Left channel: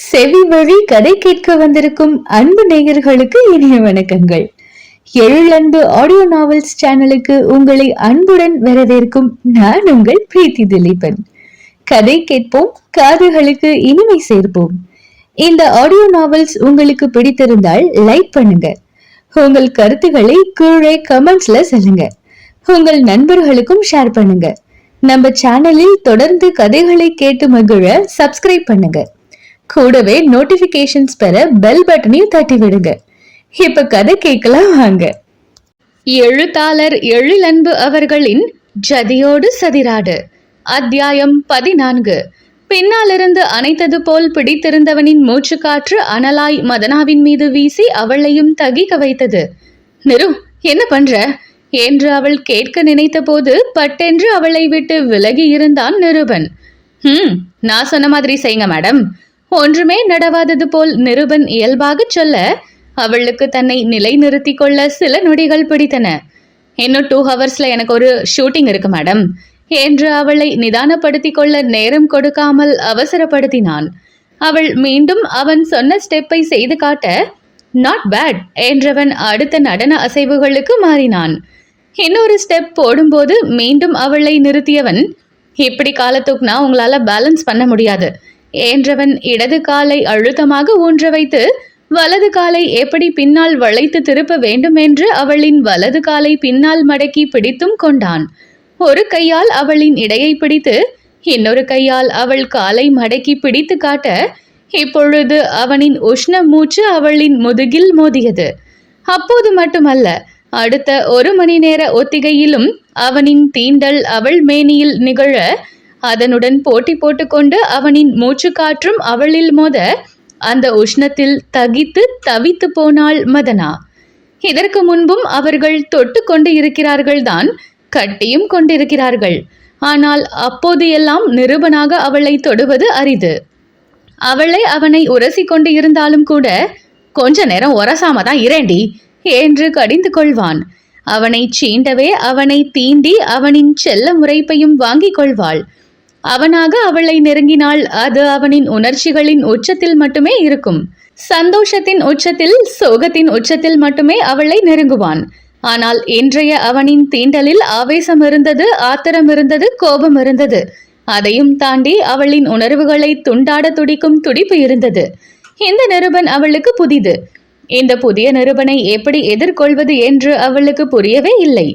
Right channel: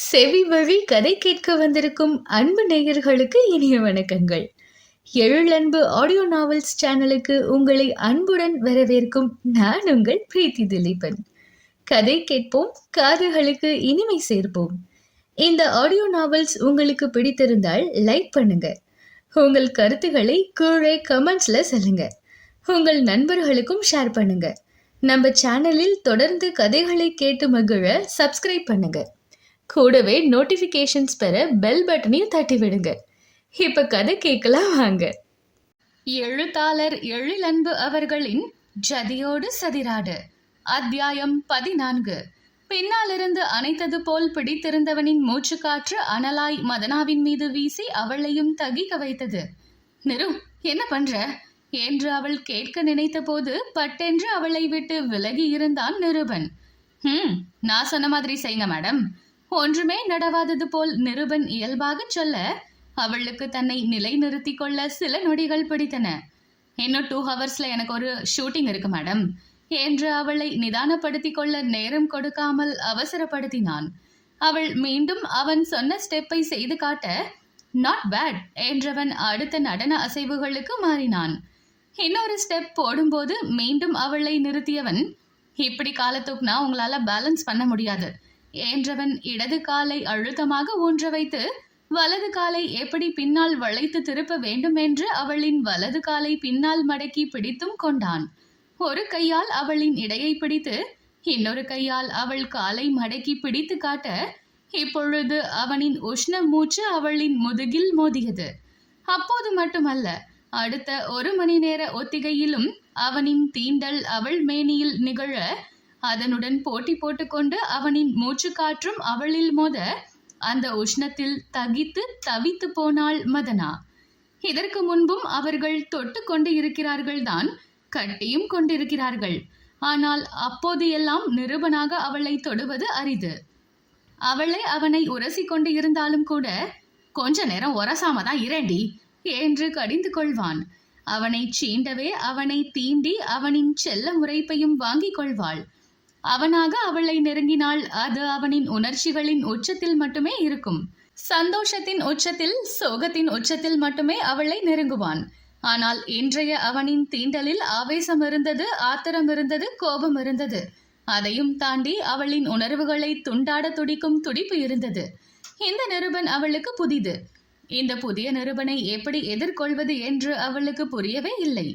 செவி வழி கதை கேட்க வந்திருக்கும் அன்பு நேயர்களுக்கு இனிய வணக்கங்கள். எழிலன்பு ஆடியோ நாவல்ஸ் சேனலுக்கு உங்களை அன்புடன் வரவேற்கும் நான் உங்கள் பிரீத்தி திலீபன். கதை கேட்போம், காதுகளுக்கு இனிமை சேர்ப்போம். இந்த ஆடியோ நாவல்ஸ் உங்களுக்கு பிடித்திருந்தால் லைக் பண்ணுங்க. உங்கள் கருத்துக்களை கீழே கமெண்ட்ஸ்ல சொல்லுங்க. உங்கள் நண்பர்களுக்கும் ஷேர் பண்ணுங்க. நம்ம சேனலில் தொடர்ந்து கதைகளை கேட்டு மகிழ சப்ஸ்கிரைப் பண்ணுங்க. கூடவே நோட்டிபிகேஷன்ஸ் பெற பெல் பட்டனையும் தட்டி விடுங்க. இப்ப கதை கேட்கலாம் வாங்க. எழுத்தாளர் எழிலன்பு அவர்களின் ஜதியோடு சதிராடு, அத்தியாயம் 14. பின்னாலிருந்து அணைத்தது போல் பிடித்திருந்தவனின் மூச்சுக்காற்று அனலாய் மதனாவின் மீது வீசி அவளையும் தகிக்க வைத்தது. நிரு, என்ன பண்ற என்று அவள் கேட்க நினைத்த போது பட்டென்று அவளை விட்டு விலகி இருந்தான் நிருபன். நான் சொன்ன மாதிரி செய்யுங்க மேடம். ஒன்றுமே நடவாதது போல் நிருபன் இயல்பாக சொல்ல அவளுக்கு தன்னை நிலை நிறுத்தி கொள்ள சில நொடிகள் பிடித்தன. இன்னும் 2 ஹவர்ஸ்ல எனக்கு ஒரு ஷூட்டிங் இருக்கு மேடம் என்று அவளை நிதானப்படுத்தி கொள்ள நேரம் கொடுக்காமல் அவசரப்படுத்தினான். அவள் மீண்டும் அவன் சொன்ன ஸ்டெப்பை செய்து காட்ட நாட் பேட் என்றவன் அடுத்த நடன அசைவுகளுக்கு மாறினான். இன்னொரு ஸ்டெப் போடும்போது மீண்டும் அவளை நிறுத்தியவன், இப்படி காலத்துக்குனா உங்களால பேலன்ஸ் பண்ண முடியாது என்றவன் இடது காலை அழுத்தமாக ஊன்ற வைத்து வலது காலை எப்படி பின்னால் வளைத்து திருப்ப வேண்டும் என்று அவளின் வலது காலை பின்னால் மடக்கி பிடித்தும் கொண்டான். ஒரு கையால் அவளின் இடையை பிடித்து இன்னொரு கையால் அவள் காலை மடக்கி பிடித்து காட்ட இப்பொழுது அவனின் உஷ்ண மூச்சு அவளின் முதுகில் மோதியது. அப்போது மட்டுமல்ல, அடுத்த 1 மணி நேர ஒத்திகையிலும் அவனின் தீண்டல் அவள் மேனியில் நிகழ அதனுடன் போட்டி போட்டுக்கொண்டு அவனின் மூச்சு காற்றும் அவளில் மோத அந்த உஷ்ணத்தில் தகித்து தவித்து போனாள் மதனா. இதற்கு முன்பும் அவர்கள் தொட்டு கொண்டு இருக்கிறார்கள் தான், கட்டியும் கொண்டிருக்கிறார்கள். ஆனால் அப்போது எல்லாம் நிருபனாக அவளை தொடுவது அரிது. அவளை அவனை உரசி கொண்டு இருந்தாலும் கூட கொஞ்ச நேரம் உரசாம தான் இரேண்டி என்று கடிந்து கொள்வான். அவனை சீண்டவே அவனை தீண்டி அவனின் செல்ல முறைப்பையும் வாங்கிக் கொள்வாள். அவனாக அவளை நெருங்கினால் அது அவனின் உணர்ச்சிகளின் உச்சத்தில் மட்டுமே இருக்கும். சந்தோஷத்தின் உச்சத்தில், சோகத்தின் உச்சத்தில் மட்டுமே அவளை நெருங்குவான். ஆனால் இன்றைய அவனின் தீண்டலில் ஆவேசம் இருந்தது, ஆத்திரம் இருந்தது, கோபம் இருந்தது. அதையும் தாண்டி அவளின் உணர்வுகளை துண்டாட துடிக்கும் துடிப்பு இருந்தது. இந்த நிருபன் அவளுக்கு புதிது. இந்த புதிய நிருபனை எப்படி எதிர்கொள்வது என்று அவளுக்கு புரியவே இல்லை.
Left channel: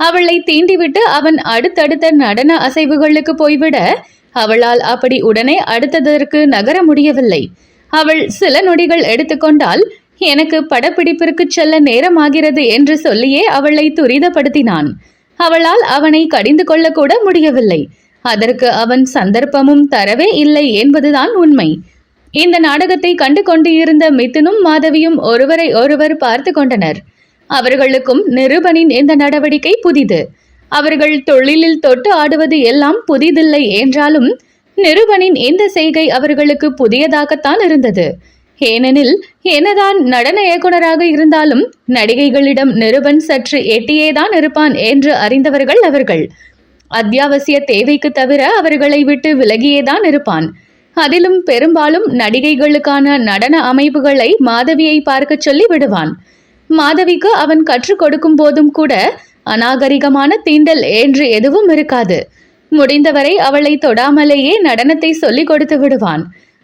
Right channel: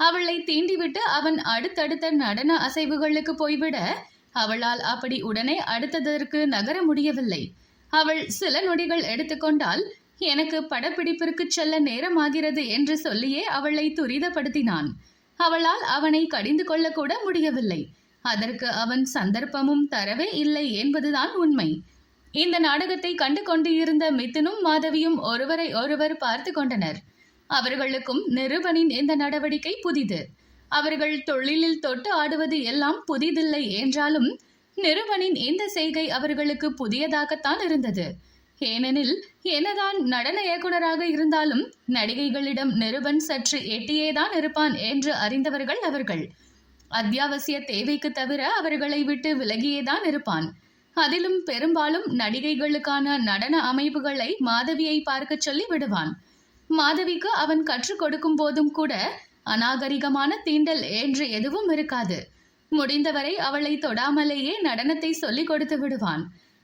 அவளை தீண்டிவிட்டு அவன் அடுத்தடுத்த நடன அசைவுகளுக்கு போய்விட அவளால் அப்படி உடனே அடுத்ததற்கு நகர முடியவில்லை. அவள் சில நொடிகள் எடுத்துக்கொண்டால் எனக்கு படப்பிடிப்பிற்கு செல்ல நேரமாகிறது என்று சொல்லியே அவளை துரிதப்படுத்தினான். அவளால் அவனை கடிந்து கொள்ளக்கூட முடியவில்லை. அதற்கு அவன் சந்தர்ப்பமும் தரவே இல்லை என்பதுதான் உண்மை. இந்த நாடகத்தை கண்டு கொண்டு இருந்த மிதுனும் மாதவியும் ஒருவரை ஒருவர் பார்த்து கொண்டனர். அவர்களுக்கும் நிருபனின் இந்த நடவடிக்கை புதிது. அவர்கள் தொழிலில் தொட்டு ஆடுவது எல்லாம் புதிதில்லை என்றாலும் நிருபனின் இந்த செய்கை அவர்களுக்கு புதியதாகத்தான் இருந்தது. ஏனெனில் என்னதான் நடன இயக்குனராக இருந்தாலும் நடிகைகளிடம் நிருபன் சற்று எட்டியேதான் இருப்பான் என்று அறிந்தவர்கள் அவர்கள். அத்தியாவசிய தேவைக்கு தவிர அவர்களை விட்டு விலகியேதான் இருப்பான். அதிலும் பெரும்பாலும் நடிகைகளுக்கான நடன அமைப்புகளை மாதவியை பார்க்க சொல்லி விடுவான். மாதவிக்கு அவன் கற்றுக் கொடுக்கும் போதும் கூட அநாகரிகமான தீண்டல் என்று எதுவும் இருக்காது. முடிந்தவரை அவளை தொடாமலேயே நடனத்தை சொல்லிக் கொடுத்து விடுவான்.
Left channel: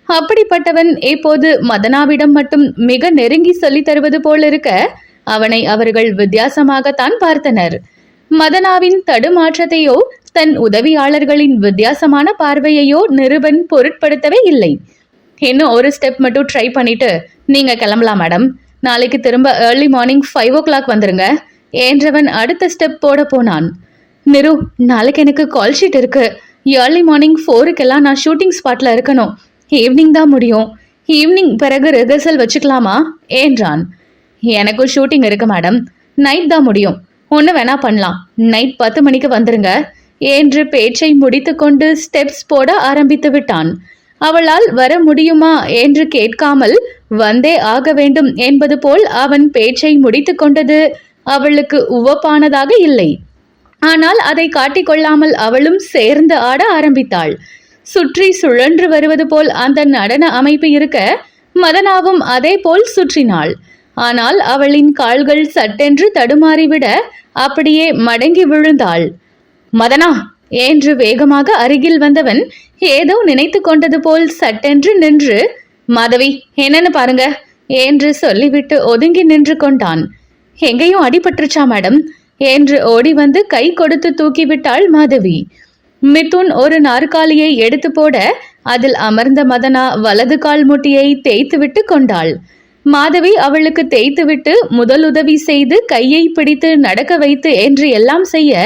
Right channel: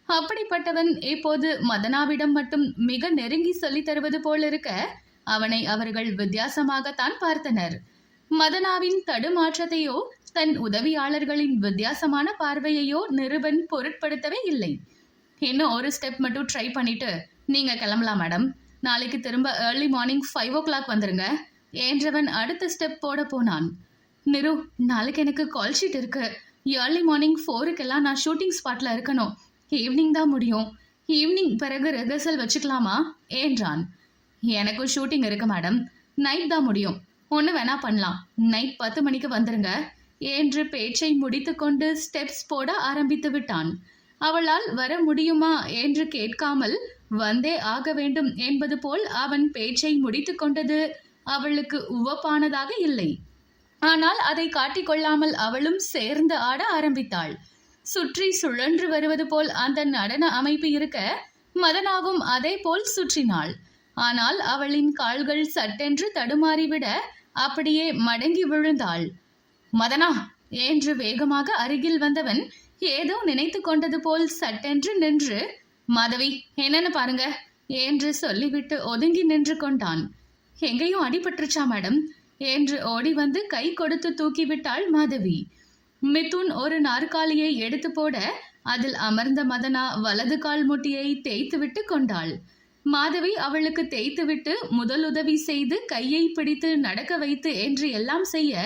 அப்படிப்பட்டவன் இப்போது மதனாவிடம் மட்டும் மிக நெருங்கி சொல்லி தருவது போல் இருக்க அவனை அவர்கள் வித்தியாசமாகத்தான் பார்த்தனர். மதனாவின் தடுமாற்றத்தையோ தன் உதவியாளர்களின் வித்தியாசமான பார்வையையோ நிருபன் பொருட்படுத்தவே இல்லை. இன்னும் ஒரு ஸ்டெப் மட்டும் ட்ரை பண்ணிட்டு நீங்க கிளம்பலாம் மேடம், நாளைக்கு திரும்ப ஏர்லி மார்னிங் 5 o'clock வந்துருங்க என்றவன் அடுத்த ஸ்டெப் போட போனான். நிரு, நாளைக்கு எனக்கு கால் ஷீட் இருக்கு. ஏர்லி மார்னிங் 4 நான் ஷூட்டிங் ஸ்பாட்ல இருக்கணும். ஈவினிங் தான் முடியும். ஈவினிங் பிறகு ரிஹர்சல் வச்சுக்கலாமா என்றான். எனக்கும் ஷூட்டிங் இருக்கு மேடம், நைட் தான் முடியும். ஒன்று வேணா பண்ணலாம், நைட் 10 மணிக்கு வந்துருங்க என்று பேச்சை முடித்து கொண்டு ஸ்டெப்ஸ் போட ஆரம்பித்து விட்டான். அவளால் வர முடியுமா என்று கேட்காமல் வந்தே ஆக வேண்டும் என்பது போல் அவன் பேச்சை முடித்து கொண்டது அவளுக்கு உவப்பானதாக இல்லை. ஆனால் அதை காட்டிக்கொள்ளாமல் அவளும் சேர்ந்து ஆட ஆரம்பித்தாள். சுற்றி சுழன்று வருவது போல் அந்த நடன அமைப்பு இருக்க மதனாவும் அதே போல் சுற்றினாள். ஆனால் அவளின் கால்கள் சட்டென்று தடுமாறிவிட அப்படியே மடங்கி விழுந்தாள். மதனா என்று வேகமாக அருகில் வந்தவன் ஏதோ நினைத்து கொண்டது போல் சட்டென்று நின்று, மாதவி என்னன்னு பாருங்க என்று சொல்லிவிட்டு ஒதுங்கி நின்று கொண்டான். எங்கேயும் அடிபட்டுருச்சா மேடம் என்று ஓடி வந்து கை கொடுத்து தூக்கிவிட்டாள் மாதவி. மிதுன் ஒரு நாற்காலியை எடுத்து போட அதில் அமர்ந்த மதனா வலது கால் முட்டியை தேய்த்துவிட்டு கொண்டாள். மாதவி அவளுக்கு தேய்த்துவிட்டு முதலுதவி செய்து கையை பிடித்து நடக்க வைத்து என்று எல்லாம் செய்ய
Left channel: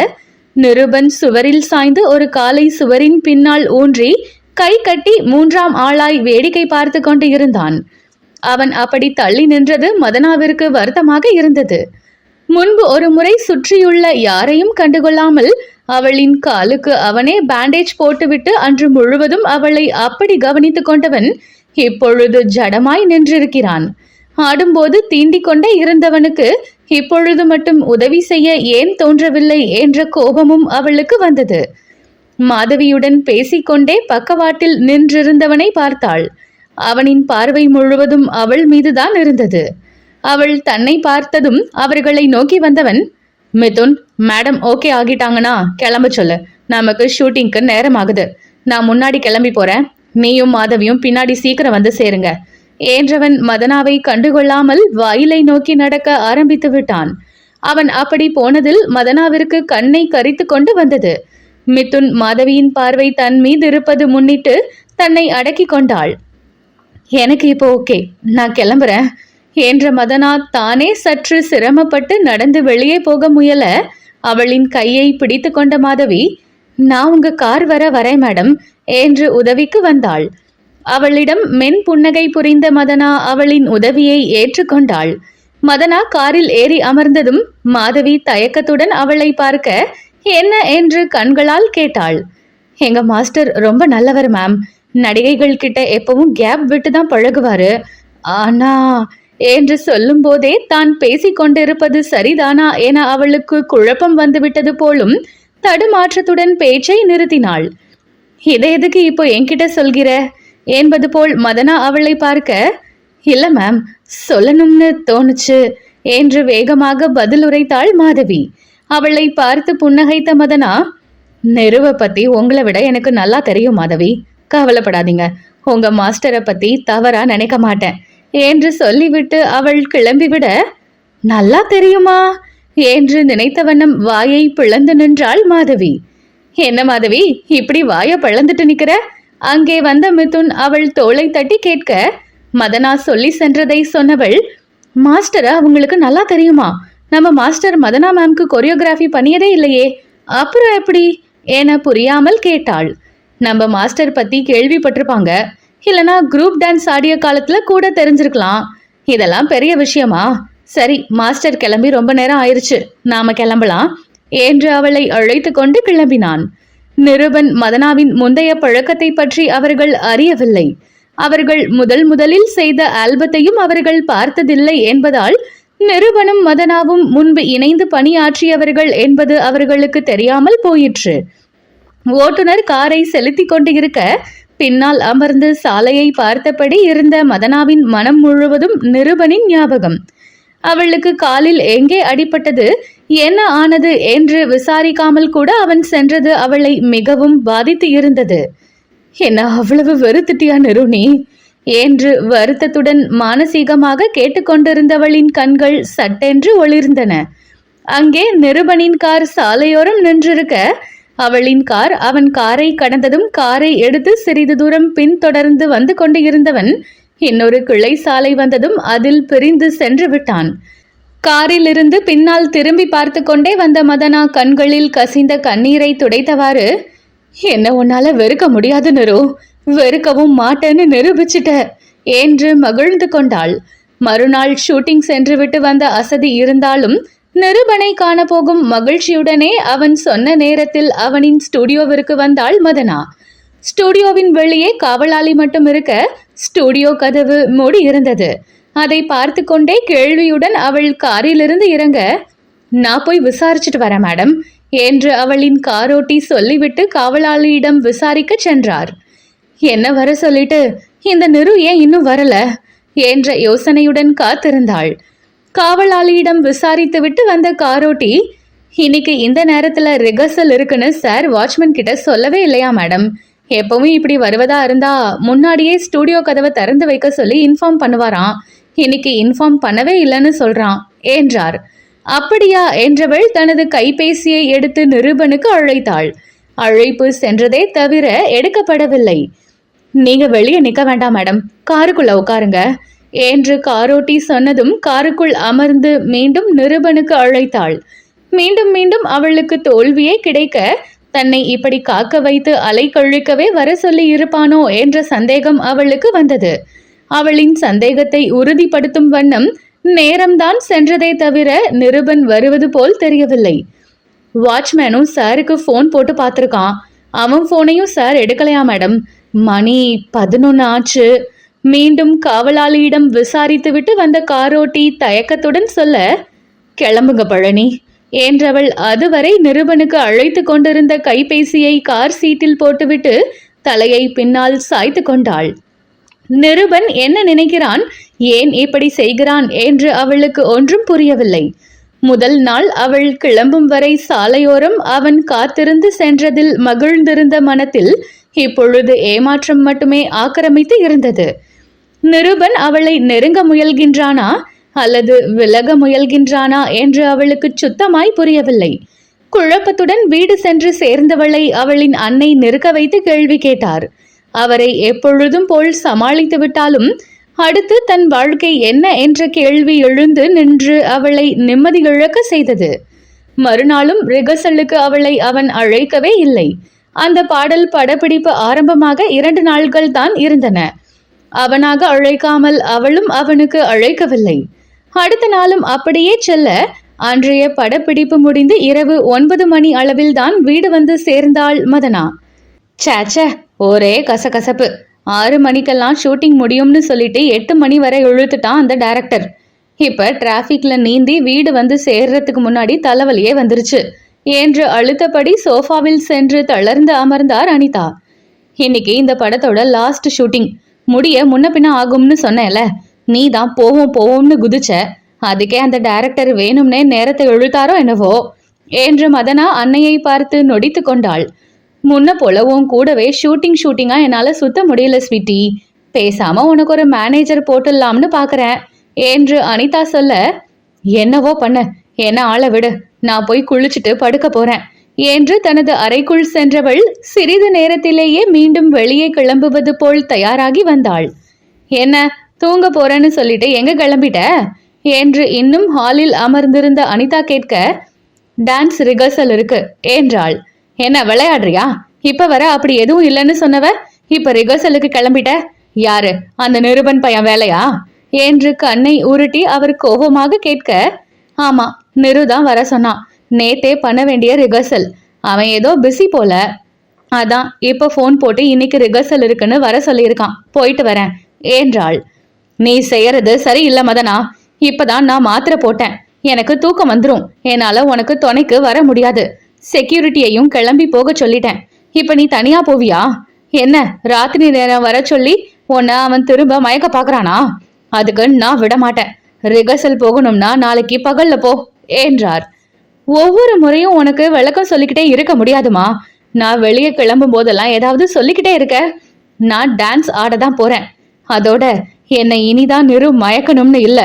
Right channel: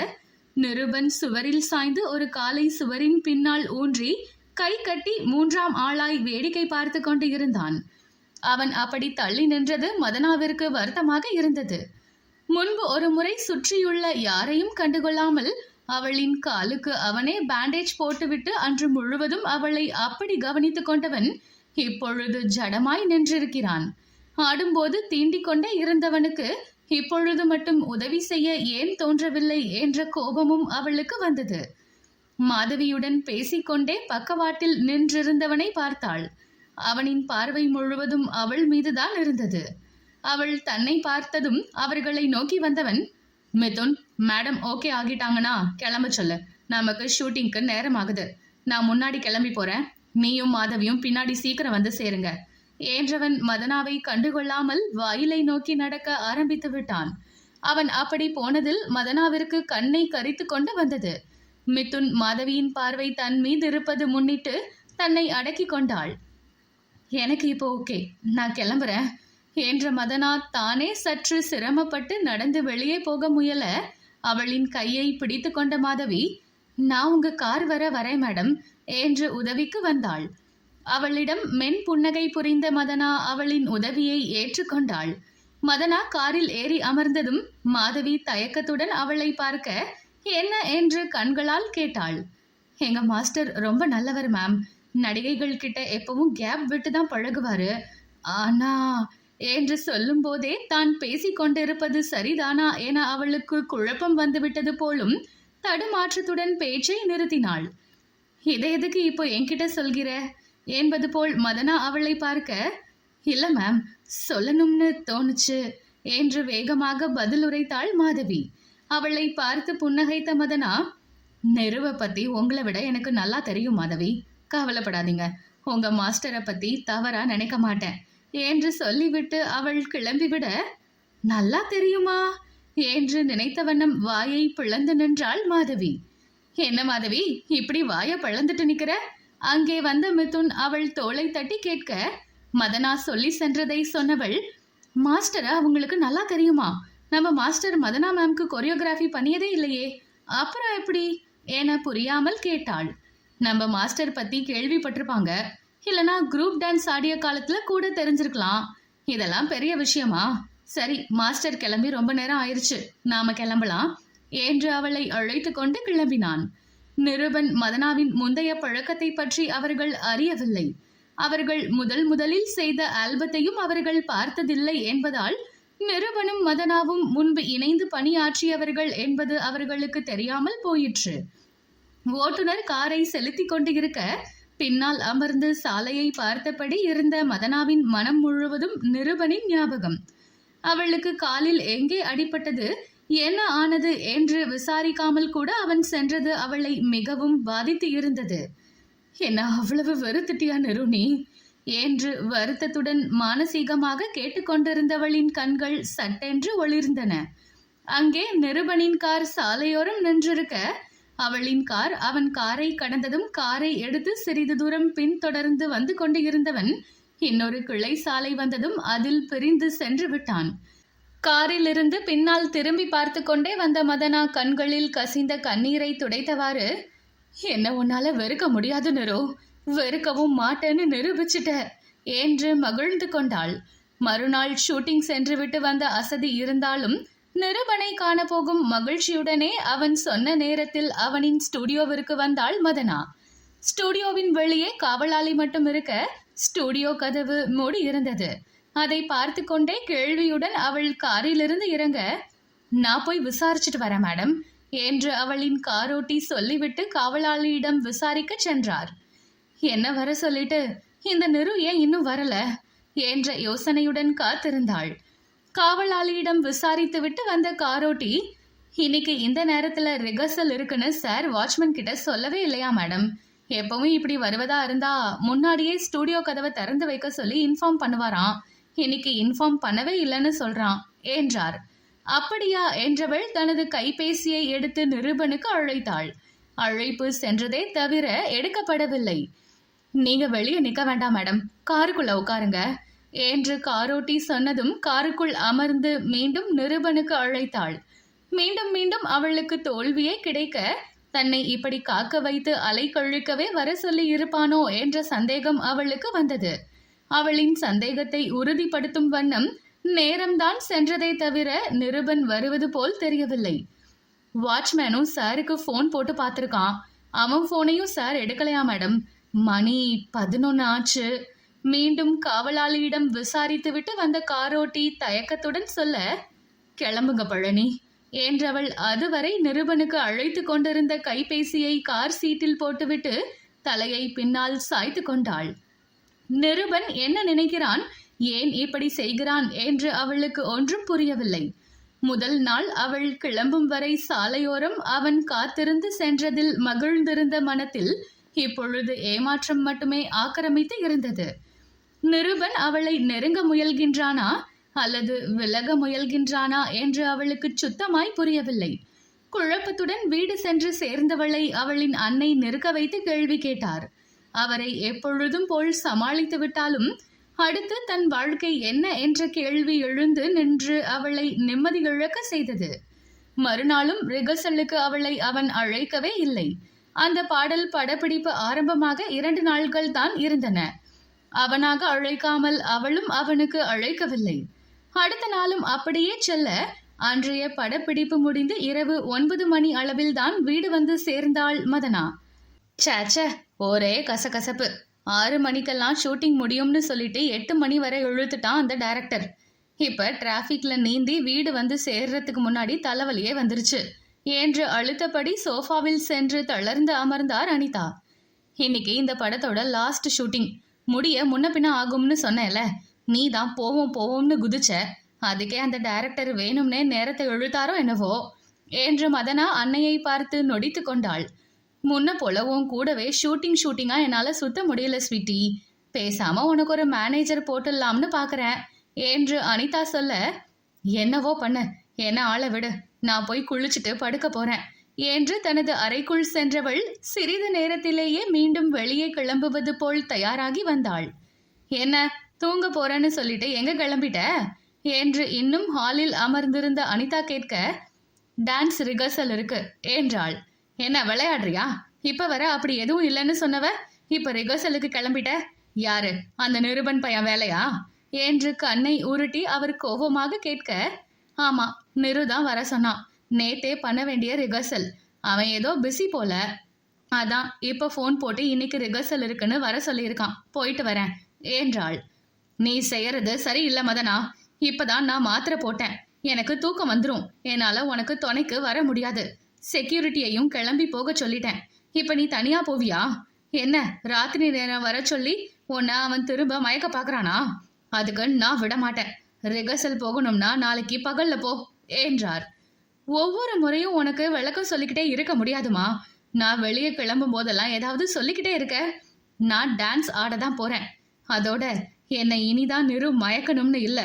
நிருபன் சுவரில் சாய்ந்து ஒரு காலை சுவரின் பின்னால் ஊன்றி கை கட்டி மூன்றாம் ஆளாய் வேடிக்கை பார்த்து கொண்டு இருந்தான். அவன் அப்படி தள்ளி நின்றது மதனாவிற்கு வருத்தமாக இருந்தது. முன்பு ஒரு முறை சுற்றியுள்ள யாரையும் கண்டுகொள்ளாமல் அவளின் காலுக்கு அவனே பேண்டேஜ் போட்டுவிட்டு அன்று முழுவதும் அவளை அப்படி கவனித்து கொண்டவன் இப்பொழுது ஜடமாய் நின்றிருக்கிறான். ஆடும்போது தீண்டிக் கொண்டே இருந்தவனுக்கு இப்பொழுது மட்டும் உதவி செய்ய ஏன் தோன்றவில்லை என்ற கோபமும் அவளுக்கு வந்தது. மாதவியுடன் பேசிக்கொண்டே பக்கவாட்டில் நின்றிருந்தவனை பார்த்தாள். அவனின் பார்வை முழுவதும் அவள் மீதுதான் இருந்தது. அவள் தன்னை பார்த்ததும் அவர்களை நோக்கி வந்தவன், மிதுன், மேடம் ஓகே ஆகிட்டாங்கன்னா கிளம்ப சொல்லு, நமக்கு ஷூட்டிங்க்கு நேரம் ஆகுது. நான் முன்னாடி கிளம்பி போறேன், நீயும் மாதவியும் பின்னாடி சீக்கிரம் வந்து சேருங்க என்றவன் மதனாவை கண்டுகொள்ளாமல் வாயிலை நோக்கி நடக்க ஆரம்பித்து விட்டான். அவன் அப்படி போனதில் மதனாவிற்கு கண்ணை கரித்து கொண்டு வந்தது. மிதுன் மாதவியின் பார்வை தன் மீது இருப்பது முன்னிட்டு தன்னை அடக்கி கொண்டாள். எனக்கு இப்போ ஓகே, நான் கிளம்புறேன் என்ற மதனா தானே சற்று சிரமப்பட்டு நடந்து வெளியே போக முயல அவளின் கையை பிடித்து கொண்ட மாதவி, நான் உங்க கார் வரேன் மேடம் என்று உதவிக்கு வந்தாள். அவளிடம் மென் புன்னகை புரிந்த மதனா அவளின் உதவியை ஏற்றுக்கொண்டாள். மதனா காரில் ஏறி அமர்ந்ததும் மாதவி தயக்கத்துடன் அவளை பார்க்க என்ன என்று கண்களால் கேட்டாள். எங்க மாஸ்டர் ரொம்ப நல்லவர் மேம், நடிகைகள் கிட்ட எப்பவும் கேப் விட்டு தான் பழகுவாரு. ஆனா என்று சொல்லும் போதே தான் பேசிக்கொண்டிருப்பது சரிதானா என அவளுக்கு குழப்பம் வந்துவிட்டது போலும் தடுமாற்றத்துடன் பேச்சை நிறுத்தினாள். இதை எதுக்கு இப்போ என்கிட்ட சொல்கிற என்பது போல் மதனா அவளை பார்க்க, இல்ல மேம், சொல்லணும்னு தோணுச்சு என்று வேகமாக பதில் உரைத்தாள் மாதவி. அவளை பார்த்து புன்னகைத்த மதனா, நெருவை பத்தி உங்களை விட எனக்கு நல்லா தெரியும் மாதவி, கவலைப்படாதீங்க, உங்க மாஸ்டரை பத்தி தவறா நினைக்க மாட்டேன் என்று சொல்லிவிட்டு அவள் கிளம்பிவிட, நல்லா தெரியுமா என்று நினைத்த வண்ணம் வாயை பிளந்து நின்றாள் மாதவி. என்ன மாதவி இப்படி வாயை பிளந்துட்டு நிக்கிற? அங்கே வந்த மிதுன் அவள் தோளை தட்டி கேட்க, மதனா சொல்லி சென்றதை சொன்னவள், மாஸ்டரை அவங்களுக்கு நல்லா தெரியுமா? நம்ம மாஸ்டர் மதனா மேம்க்கு கொரியோகிராஃபி பண்ணியதே இல்லையே, அப்புறம் எப்படி என புரியாமல் கேட்டாள். நம்ம மாஸ்டர் பத்தி கேள்விப்பட்டிருப்பாங்க, இல்லனா குரூப் டான்ஸ் ஆடிய காலத்துல கூட தெரிஞ்சிருக்கலாம். இதெல்லாம் பெரிய விஷயமா? சரி, மாஸ்டர் கிளம்பி ரொம்ப நேரம் ஆயிருச்சு, நாம கிளம்பலாம் என்று அவளை அழைத்து கொண்டு கிளம்பினான். நிருபன் மதனாவின் முந்தைய பழக்கத்தை பற்றி அவர்கள் அறியவில்லை. அவர்கள் முதலில் செய்த ஆல்பத்தையும் அவர்கள் பார்த்ததில்லை என்பதால் நிருபனும் மதனாவும் முன்பு இணைந்து பணியாற்றியவர்கள் என்பது அவர்களுக்கு தெரியாமல் போயிற்று. ஓட்டுநர் காரை செலுத்தி கொண்டு இருக்க பின்னால் அமர்ந்து சாலையை பார்த்தபடி இருந்த மதனாவின் மனம் முழுவதும் நிருபனின் ஞாபகம். அவளுக்கு காலில் எங்கே அடிபட்டது, என்ன ஆனது என்று விசாரிக்காமல் கூட அவன் சென்றது அவளை மிகவும் பாதித்து இருந்தது. என்ன அவ்வளவு வெறுத்துட்டியா நிருணி என்று வருத்தத்துடன் மானசீகமாக கேட்டுக்கொண்டிருந்தவளின் கண்கள் சட்டென்று ஒளிர்ந்தன. அங்கே நிருபனின் கார் சாலையோரம் நின்றிருக்க அவளின் கார் அவன் காரை கடந்ததும் காரை எடுத்து சிறிது தூரம் பின்தொடர்ந்து வந்து கொண்டு இருந்தவன் இன்னொரு கிளை சாலை வந்ததும் அதில் பிரிந்து சென்று விட்டான். காரில் இருந்து பின்னால் திரும்பி பார்த்து கொண்டே வந்த மதனா கண்களில் கசிந்த கண்ணீரை துடைத்தவாறு, என்ன உன்னால வெறுக்க முடியாது நிரு, வெறுக்கவும் மாட்டேன்னு நிரூபிச்சிட்ட என்று மகிழ்ந்து கொண்டாள். மறுநாள் ஷூட்டிங் சென்று விட்டு வந்த அசதி இருந்தாலும் நிருபனை காணப்போகும் மகிழ்ச்சியுடனே அவன் சொன்ன நேரத்தில் அவனின் ஸ்டுடியோவிற்கு வந்தாள் மதனா. ஸ்டுடியோவின் வெளியே காவலாளி மட்டும் இருக்க ஸ்டுடியோ கதவு மூடி இருந்தது. அதை பார்த்து கொண்டே கேள்வியுடன் அவள் காரிலிருந்து இறங்க, நான் போய் விசாரிச்சுட்டு வரேன் மேடம் என்று அவளின் காரோட்டி சொல்லிவிட்டு காவலாளியிடம் விசாரிக்க சென்றார். என்ன வர சொல்லிட்டு இந்த நிரு ஏன் இன்னும் வரல என்ற யோசனையுடன் காத்திருந்தாள். காவலாளியிடம் விசாரித்துவிட்டு வந்த காரோட்டி, இன்னைக்கு இந்த நேரத்துல ரிகர்சல் இருக்குன்னு சார் வாட்ச்மேன் கிட்ட சொல்லவே இல்லையா மேடம்? எப்பவும் இப்படி வருவதா இருந்தா முன்னாடியே ஸ்டூடியோ கதவை திறந்து வைக்க சொல்லி இன்ஃபார்ம் பண்ணுவாராம். இன்னைக்கு இன்ஃபார்ம் பண்ணவே இல்லைன்னு சொல்றான் என்றார். அப்படியா என்றவள் தனது கைபேசியை எடுத்து நிருபனுக்கு அழைத்தாள். அழைப்பு சென்றதே தவிர எடுக்கப்படவில்லை. நீங்க வெளியே நிக்க வேண்டாம் மேடம், காருக்குள்ள உட்காருங்க என்று காரோட்டி சொன்னதும் காருக்குள் அமர்ந்து மீண்டும் நிருபனுக்கு அழைத்தாள். மீண்டும் மீண்டும் அவளுக்கு தோல்வியே கிடைக்க தன்னை இப்படி காக்க வைத்து அலை கழிக்கவே வர சொல்லி இருப்பானோ என்ற சந்தேகம் அவளுக்கு வந்தது. அவளின் சந்தேகத்தை உறுதிப்படுத்தும் வண்ணம் நேரம்தான் சென்றதே தவிர நிருபன் வருவது போல் தெரியவில்லை. வாட்ச்மேனும் சாருக்கு ஃபோன் போட்டு பார்த்துருக்கான். அவன் ஃபோனையும் சார் எடுக்கலையா மேடம்? மணி 11 ஆச்சு. மீண்டும் காவலாளியிடம் விசாரித்துவிட்டு வந்த காரோட்டி தயக்கத்துடன் சொல்ல, கிளம்புங்க பழனி என்றவள் அதுவரை நிருபனுக்கு அழைத்து கொண்டிருந்த கைபேசியை கார் சீட்டில் போட்டுவிட்டு தலையை பின்னால் சாய்த்து கொண்டாள். நிருபன் என்ன நினைக்கிறான், ஏன் இப்படி செய்கிறான் என்று அவளுக்கு ஒன்றும் புரியவில்லை. முதல் நாள் அவள் கிளம்பும் வரை சாலையோரம் அவன் காத்திருந்து சென்றதில் மகிழ்ந்திருந்த மனத்தில் இப்பொழுது ஏமாற்றம் மட்டுமே ஆக்கிரமித்து இருந்தது. நிருபன் அவளை நெருங்க முயல்கின்றானா அல்லது விலக முயல்கின்றானா என்று அவளுக்கு சுத்தமாய் புரியவில்லை. குழப்பத்துடன் வீடு சென்று சேர்ந்தவளை அவளின் அன்னை நிற்க வைத்து கேள்வி கேட்டார். அவரை எப்பொழுதும் போல் சமாளித்து விட்டாலும் அடுத்து தன் வாழ்க்கை என்ன என்ற கேள்வி எழுந்து நின்று அவளை நிம்மதி இழக்க செய்தது. மறுநாளும் ரிகர்சலுக்கு அவளை அவன் அழைக்கவே இல்லை. அந்த பாடல் படப்பிடிப்பு ஆரம்பமாக 2 நாள்கள் தான் இருந்தன. அவனாக அழைக்காமல் அவளும் அவனுக்கு அழைக்கவில்லை. அடுத்த நாளும் அப்படியே செல்ல அன்றைய படப்பிடிப்பு முடிந்து இரவு 9 மணி அளவில் தான் வீடு வந்து சேர்ந்தாள் மதனா. சேச்ச, ஒரே கசகசப்பு. 6 மணிக்கெல்லாம் ஷூட்டிங் முடியும்னு சொல்லிட்டு 8 மணி வரை இழுத்துட்டான் அந்த டைரக்டர். இப்ப டிராஃபிக்ல நீந்தி வீடு வந்து சேர்றதுக்கு முன்னாடி தலைவலியே வந்துருச்சு என்று அழுத்தபடி சோஃபாவில் சென்று தளர்ந்து அமர்ந்தார் அனிதா. இன்னைக்கு இந்த படத்தோட லாஸ்ட் ஷூட்டிங், முடிய முன்ன பின்ன ஆகும்னு சொன்னேல, நீ தான் போவோம்னு குதிச்ச. அதுக்கே அந்த டைரக்டர் வேணும்னே நேரத்தை இழுத்தாரோ என்னவோ என்று மதனா அன்னையை பார்த்து நொடித்து கொண்டாள். முன்ன போல உன் கூடவே ஷூட்டிங்கா என்னால சுத்த முடியல ஸ்வீட்டி. பேசாம உனக்கு ஒரு மேனேஜர் போட்டுடலாம்னு பாக்குறேன் என்று அனிதா சொல்ல, என்னவோ பண்ண, என்ன ஆளை விடு, நான் போய் குளிச்சுட்டு படுக்க போறேன் என்று தனது அறைக்குள் சென்றவள் சிறிது நேரத்திலேயே மீண்டும் வெளியே கிளம்புவது போல் தயாராகி வந்தாள். என்ன தூங்க போறேன்னு சொல்லிட்டு எங்க கிளம்பிட்ட என்று இன்னும் ஹாலில் அமர்ந்திருந்த அனிதா கேட்க, டான்ஸ் ரிகர்சல் இருக்கு என்றாள். என்ன விளையாடுறியா? இப்ப வர அப்படி எதுவும் இல்லைன்னு சொன்னவ, இப்ப ரிகர்சலுக்கு கிளம்பிட்ட? யாரு அந்த நிருபன் பையன் வேலையா என்று கண்ணை உருட்டி அவர் கோபமாக கேட்க, ஆமா நிருதான் வர சொன்னான். நேத்தே பண்ண வேண்டிய ரிகர்சல், அவன் ஏதோ பிஸி போல, அதான் இப்ப போன் போட்டு இன்னைக்கு ரிகர்சல் இருக்குன்னு வர சொல்லியிருக்கான், போயிட்டு வரேன் என்றாள். நீ செய்யறது சரியில்லை மதனா. இப்பதான் நான் மாத்திரை போட்டேன், எனக்கு தூக்கம் வந்துடும். என்னால உனக்கு துணைக்கு வர முடியாது. செக்யூரிட்டியையும் கிளம்பி போக சொல்லிட்டேன். இப்ப நீ தனியா போவியா? என்ன ராத்திரி நேரம் வர சொல்லி உன்னை அவன் திரும்ப மயக்க பாக்குறானா? அதுக்கு நான் விட மாட்டேன். ரிகர்சல் போகணும்னா நாளைக்கு பகல்ல போ என்றார். ஒவ்வொரு முறையும் உனக்கு விளக்கம் சொல்லிக்கிட்டே இருக்க முடியாதுமா. நான் வெளியே கிளம்பும் போதெல்லாம் ஏதாவது சொல்லிக்கிட்டே இருக்க. நான் டான்ஸ் ஆடதான் போறேன். அதோட என்னை இனிதான் நிரு மயக்கணும்னு இல்ல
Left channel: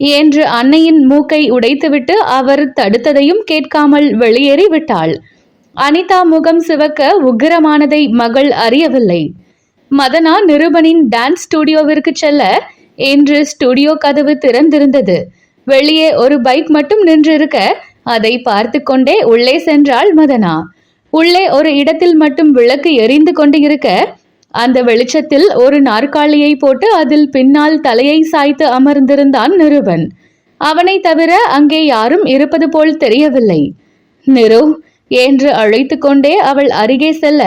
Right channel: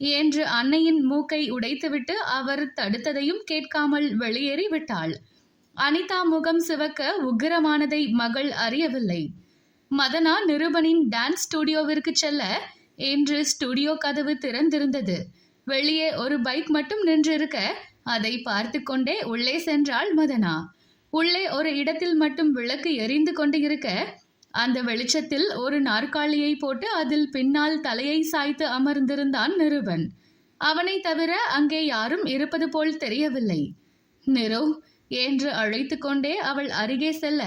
என்று அன்னையின் மூக்கை உடைத்துவிட்டு அவர் தடுத்ததையும் கேட்காமல் வெளியேறி விட்டாள். அனிதா முகம் சிவக்க உக்கிரமானதை மகள் அறியவில்லை. மதனா நிருபனின் டான்ஸ் ஸ்டுடியோவிற்கு செல்ல இன்று ஸ்டுடியோ கதவு திறந்திருந்தது. வெளியே ஒரு பைக் மட்டும் நின்றிருக்க அதை பார்த்து கொண்டே உள்ளே சென்றாள் மதனா. உள்ளே ஒரு இடத்தில் மட்டும் விளக்கு எரிந்து கொண்டு இருக்க அந்த வெளிச்சத்தில் ஒரு நாற்காலியை போட்டு அதில் பின்னால் தலையை சாய்த்து அமர்ந்திருந்தான் நிருபன். அவனை தவிர அங்கே யாரும் இருப்பது போல் தெரியவில்லை. நிரு என்று அழைத்து கொண்டே அவள் அருகே செல்ல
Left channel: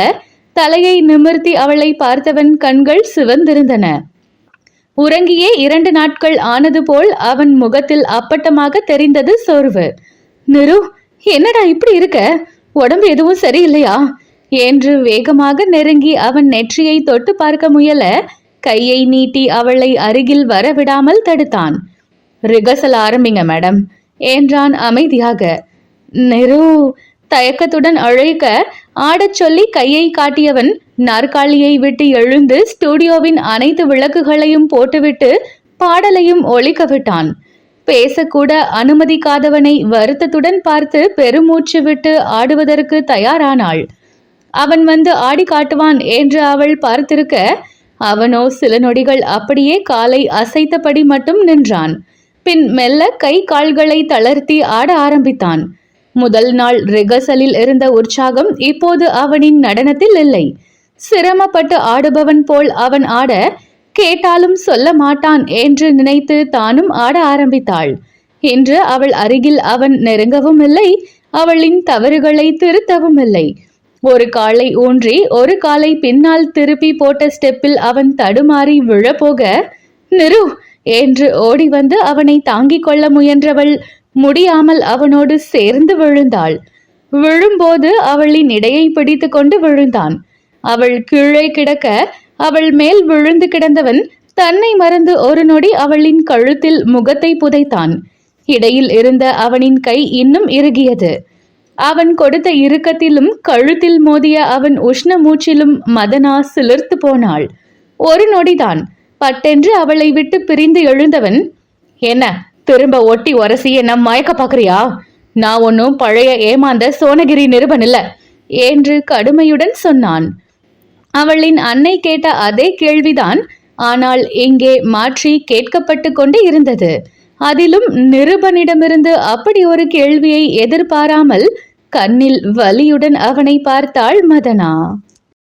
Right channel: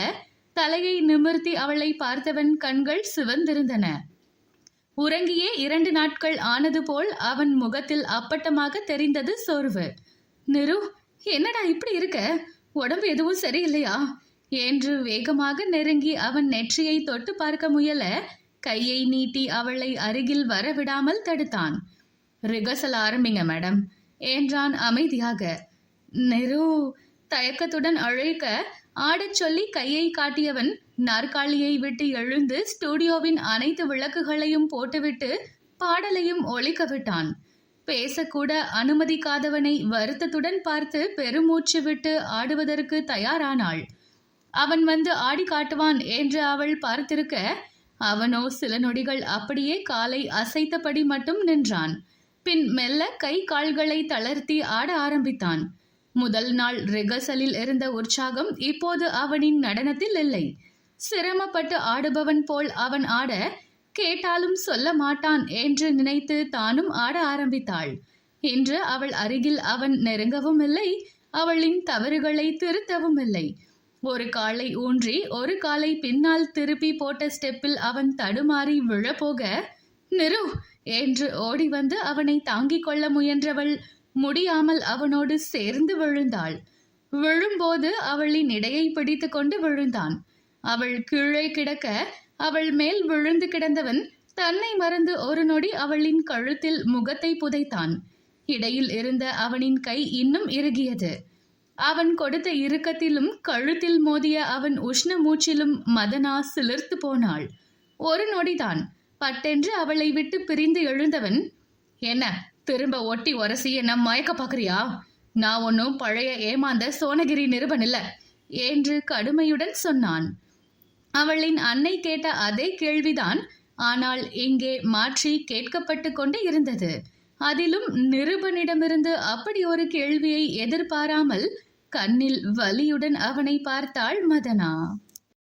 தலையை நிமிர்த்தி அவளை பார்த்தவன் கண்கள் சிவந்திருந்தன. உறங்கியே 2 நாட்கள் ஆனது போல் அவன் முகத்தில் அப்பட்டமாக தெரிந்தது சோர்வு. நிரு, என்னடா இப்படி இருக்க? உடம்பு எதுவும் சரியில்லையா என்று வேகமாக நெருங்கி அவன் நெற்றியை தொட்டு பார்க்க முயல கையை நீட்டி அவளை அருகில் வரவிடாமல் தடுத்தான். ரிகர்சல் ஆரம்பிங்க மேடம் என்றான் அமைதியாக. நெரு தயக்கத்துடன் அழைக்க ஆடச் சொல்லி கையை காட்டியவன் நாற்காலியை விட்டு எழுந்து ஸ்டுடியோவின் அனைத்து விளக்குகளையும் போட்டுவிட்டு பாடலையும் ஒலிக்க விட்டான். பேசக்கூட அனுமதிக்காதவனை வருத்தத்துடன் பார்த்து பெருமூச்சு விட்டு ஆடுவதற்கு தயாரானாள். அவன் வந்து ஆடி காட்டுவான் என்று அவள் பார்த்திருக்க, அவனோ சில நொடிகள் அப்படியே காலை அசைத்தபடி மட்டும் நின்றான். பின் மெல்ல கை கால்களை தளர்த்தி ஆட ஆரம்பித்தான். முதல் நாள் ரிகர்சலில் இருந்த உற்சாகம் இப்போது அவனின் நடனத்தில் இல்லை. சிரமப்பட்டு ஆடுபவன் போல் அவன் ஆட, கேட்டாலும் சொல்ல மாட்டான் என்று நினைத்து தானும் ஆட ஆரம்பித்தாள். இன்று அவள் அருகில் அவன் நெருங்கவும் இல்லை, அவளின் தவறுகளை திருத்தவும் இல்லை. ஒரு காலை ஊன்றி ஒரு காலை பின்னால் திருப்பி போட்ட ஸ்டெப்பில் அவன் தடுமாறி விழப்போக, நிரு என்று ஓடி வந்து அவனை தாங்கிக் கொள்ள முயன்றவள் முடியாமல் அவனோடு சேர்ந்து விழுந்தாள். விழும்போது அவளின் இடையை பிடித்து கொண்டு விழுந்தான். அவள் கீழே கிடக்க அவள் மேல் விழுந்து கிடந்தவன் தன்னை மறந்து ஒரு நொடி அவளின் கழுத்தில் முகத்தை புதைத்தான். இடையில் இருந்த அவனின் கை இன்னும் இறுகியது. அவன் கொடுத்த இறுக்கத்திலும் கழுத்தில் மோதிய அவன் உஷ்ண மூச்சிலும் மதனா சிலிர்த்து போனாள். ஒரு நொடிதான். பட்டென்று அவளை விட்டு பிரிந்து எழுந்தவன், என்ன திரும்ப ஒட்டி உரசி என்ன மயக்க பாக்குறியா? நான் ஒன்னும் பழைய ஏமாந்த சோனகிரி நிருபன் இல்ல என்று கடுமையுடன் சொன்னான். அவளின் அன்னை கேட்ட அதே கேள்விதான், ஆனால் இங்கே மாற்றி கேட்கப்பட்டு கொண்டு இருந்தது. அதிலும் நிருபனிடமிருந்து அப்படி ஒரு கேள்வியை எதிர்பாராமல் கண்ணில் வலியுடன் அவனை பார்த்தாள் மதனா.